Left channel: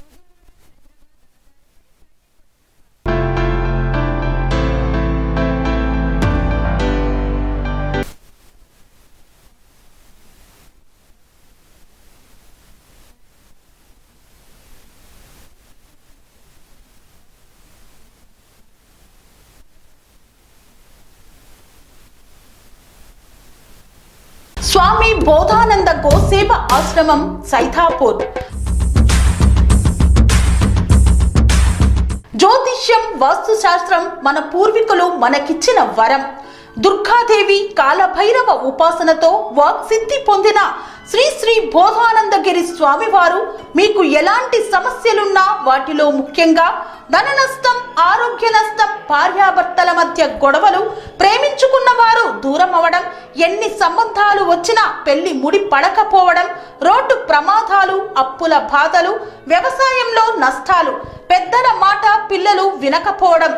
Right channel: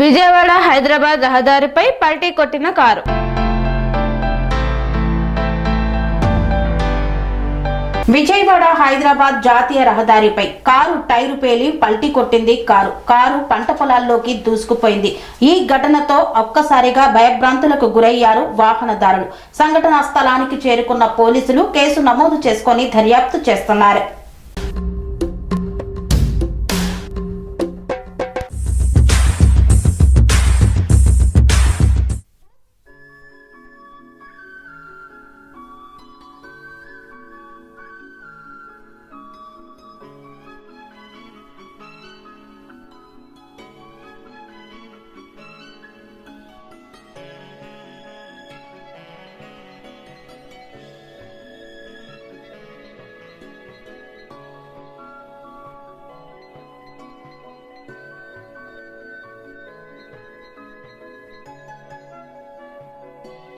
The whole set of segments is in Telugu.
విజయవాడ హైదరాబాద్ రహదారిపై పల్టీ కొట్టిన కారు. విజయవాడ హైదరాబాద్ జాతీయ రహదారిపై కారు టైరు పేలి పల్టీ కొట్టింది. కారు పంట పొలాల్లోకి దూసుకుపోయింది. ఈ ఘటనతో ఒక్కసారిగా భయభ్రాంతులకు గురయ్యారు వాహనదారులు. సంఘటనా స్థలానికి చేరుకున్న పోలీసులు కేసు నమోదు చేసుకుని దర్యాప్తు చేస్తున్నారు. స్వామి బోధానంద గోసేవ ఆశ్రమం సైథాపూర్. జ్యోతిష్యం, వాస్తుశాస్త్రం మన పూర్వీకులు మనకిచ్చిన వరం. దుర్గాదేవి, కాలభైరవ ఉపాసనతో వాక్సిద్ధి పొందిన శ్రీ శ్రీ బోధానందగిరి స్వామివారు మీకు ఎలాంటి సమస్యలున్నా, వాటిలో ముఖ్యంగా ధన నష్టం, ఆరోగ్య నష్టం, భార్యాభర్తల మధ్య గొడవలు, ప్రేమించుకున్న వారు దూరం అవడం, ఎన్ని సంబంధాలు వచ్చినా పెళ్లి ముడి పడకపోవడం, రోడ్డు ప్రమాదాలు, అప్పుల బాధలు, వ్యవసాయంలో నష్టాలు, పెద్దల మాట పిల్లలు వినకపోవడం,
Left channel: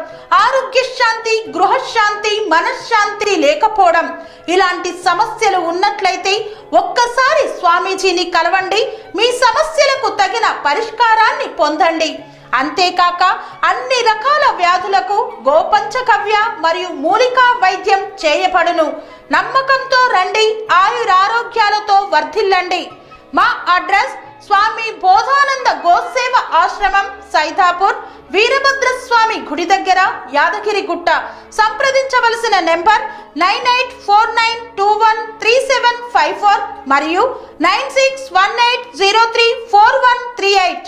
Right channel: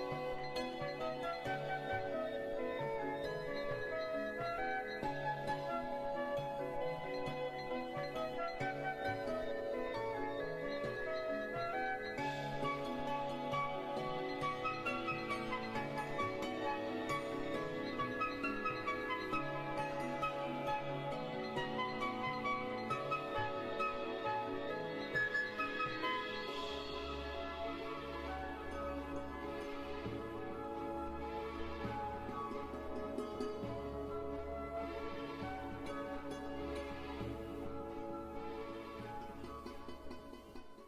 ఆరోగ్య శాంతి, గృహశాంతి, మనశ్శాంతి లేకపోవడం, ఇలాంటి సమస్యలు ఉన్నట్లయితే ఒక్కసారి స్వామీజీని కలవండి. మీ సమస్యలకు తగిన పరిష్కారాన్ని పొందండి. అంతేకాక అన్ని రకాల వ్యాధులకు గోపంచకవ్య మరియు మూలికా వైద్యం చేయబడును. నమ్మకంతో రండి, ఆయురారోగ్యాలతో వర్ధిల్లండి. మా అడ్రస్ స్వామి బోధానంద గోసేవ ఆశ్రమం సైథాపూర్, వీరభద్రస్వామి గుడి దగ్గర, యాదగిరిగుట్ట. సంప్రదించవలసిన నెంబర్ 9849213754 మరియు 9618034138.